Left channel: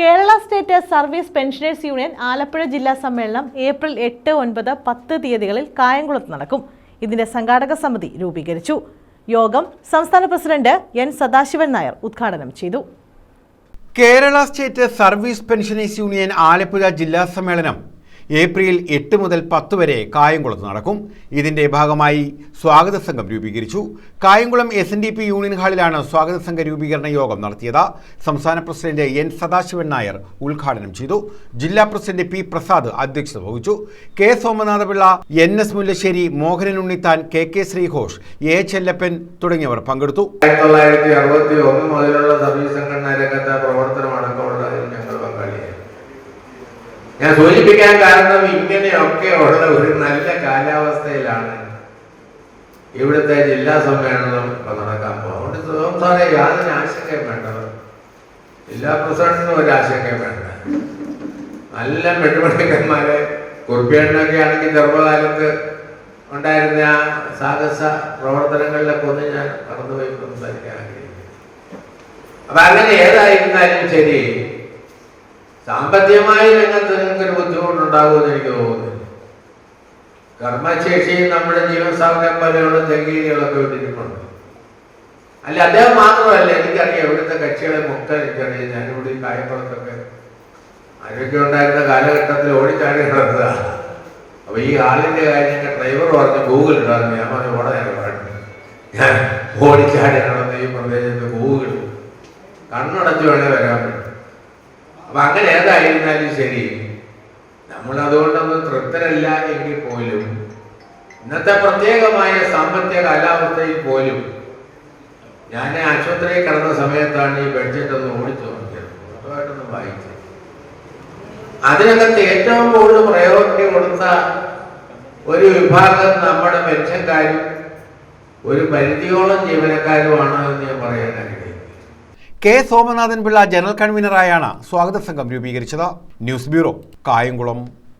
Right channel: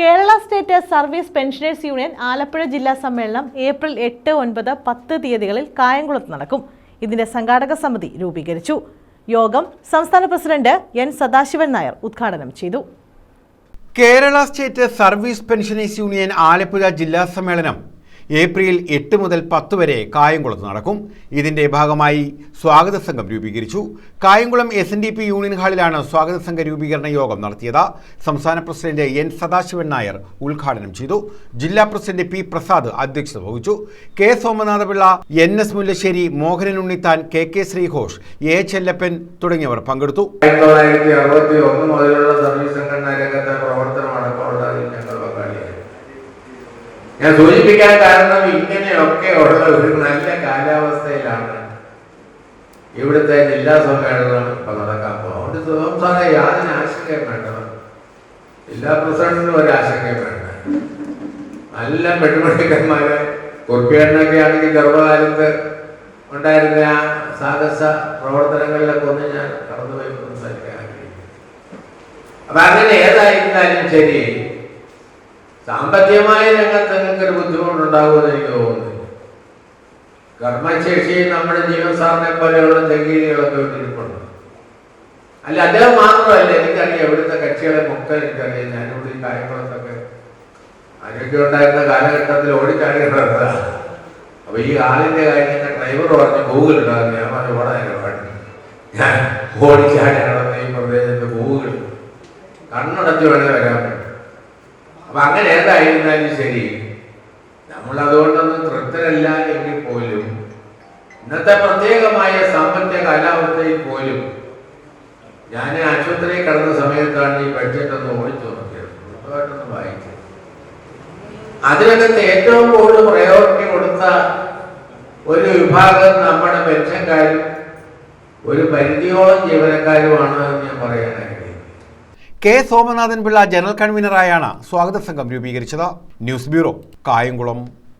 Kerala state service pensioners union Alappuzha ജില്ലാ സമ്മേളനം April 8, 9, 10 തീയതികളിൽ കായംകുളത്ത് നടക്കും. ഇതിന്റെ സംഘാടക സമിതി രൂപീകരിച്ചു. യോഗം സംസ്ഥാന പ്രസിഡന്റ് എൻ സദാശിവൻ നായർ ഉദ്ഘാടനം ചെയ്തു. Kerala state service pensioners union Alappuzha ജില്ലാ സമ്മേളനം ഏപ്രിൽ 8 മുതൽ 10 വരെ കായംകുളത്ത് നടക്കും. ഇതിന്റെ ഭാഗമായി സ്വാഗത സംഘം രൂപീകരിച്ചു. കായംകുളം SNDP യൂണിയൻ ഹാളിലാണ് സ്വാഗത സംഘ രൂപീകരണ യോഗം നടത്തിയത്. സംസ്ഥാന പ്രസിഡന്റ് എൻ സദാശിവൻ നായർ ഉദ്ഘാടനം ചെയ്തു. ജില്ലാ പ്രസിഡന്റ് പി പ്രസാദ് അധ്യക്ഷത വഹിച്ചു. K Somanathapillai, NS Mullassery, Mohanan Unnithan, KK Sreeghosh, A Chellappan തുടങ്ങിയവർ പങ്കെടുത്തു. 1961 മുതലുള്ള സർവീസ് സംഘടനാ രംഗത്തെ ഞാൻ സൂചിപ്പിക്കാൻ കാരണം ഇങ്ങനെയൊക്കെ ഉള്ള ഒരു നല്ല കാലാവസ്ഥയിലാണ് ഇവിടുത്തെ ജില്ലാ സമ്മേളനം നടക്കാൻ പോകുന്നത്. സംസ്ഥാന യാതൊരു ആശങ്കയും വേണ്ട, ജില്ലാ പ്രസിഡന്റിനും ഒരു ആശങ്കയും വേണ്ട. നല്ല പെൺകുട്ടിക്കന്മാരെ കുർപ്പിയേട്ടനൊക്കെ ആണെങ്കിൽ ചെറുപ്പകാലത്ത് ഉണ്ടായിരുന്ന സാഹസ പ്രവർത്തനങ്ങളിലൊക്കെ ഒന്ന് ഞാൻ കടന്നുപോയി സംസാരിക്കാൻ ആഗ്രഹിക്കുന്നു. അപ്പൊ അങ്ങനെ ഏതായിരുന്നാലും ശരി, സാമ്പത്തികമായ രംഗത്ത് നിങ്ങൾക്കൊരു ബുദ്ധിമുട്ടുണ്ടാകുമെന്ന് എനിക്ക് തോന്നുന്നു. കർമ്മശേഷിയും നമ്മുടെ ജീവസാറിനെ പോലെയുള്ള തെങ്കീരികളൊക്കെ വിട്ടിരിപ്പുണ്ട്. അല്ല, അദ്ദേഹം മാത്രമല്ല, എനിക്കറിയാം ഇവിടുത്തെ കക്ഷികളെ മൊക്കെ എനിക്കറിയാം. ഞാനിവിടെ ഈ കായംകുളത്തൊക്കെ ആരോഗ്യം ഉണ്ടായിരുന്ന കാലഘട്ടത്തിൽ ഓടിച്ചാടി നടന്നതാണ്. അപ്പൊ ഈ ആളിന്റെ കാര്യമൊക്കെ ഡ്രൈവർ പറഞ്ഞ് ഗൂഗിൾ ഉണ്ടായിരുന്നു. ഞാൻ പറഞ്ഞ ഓടാനൊക്കെ പാടുന്നു, ഞാൻ ഓടിച്ചാടി നടന്ന ഈ പ്രദേശത്ത് ഗൂഗിൾ കണ്ണടച്ച് വേണമെങ്കിൽ വരാൻ പറ്റും. അപ്പൊ അങ്ങനെ ഏതായിരുന്നാലും ശരി, നമ്മൾ അതുകൊണ്ടൊന്നും തൃപ്തരല്ല എങ്കിൽ പോലും ഇന്നത്തെ പ്രത്യേകമായ സാമ്പത്തിക കാലാവസ്ഥയിൽ പോലും ഞാൻ ആശുപത്രിയിൽ കിടന്ന സമയത്താണ് ഈ ബഡ്ജറ്റ് ഒന്ന് ഓടിച്ചു നോക്കിയത്, വായിച്ചത്. അതിനകത്ത് ഏറ്റവും കൂടുതൽ പ്രയോറിറ്റി കൊടുത്ത ഒരു വിഭാഗം നമ്മുടെ പെൻഷൻകാരും ഒരു പരിധിയോളം ജീവനക്കാരുമാണ് എന്ന് ഞാൻ പറയാനായി. കെ സോമനാഥൻ പിള്ള ജനറൽ കൺവീനറായാണ് സ്വാഗത സംഘം രൂപീകരിച്ചത്. News bureau, Kayamkulam.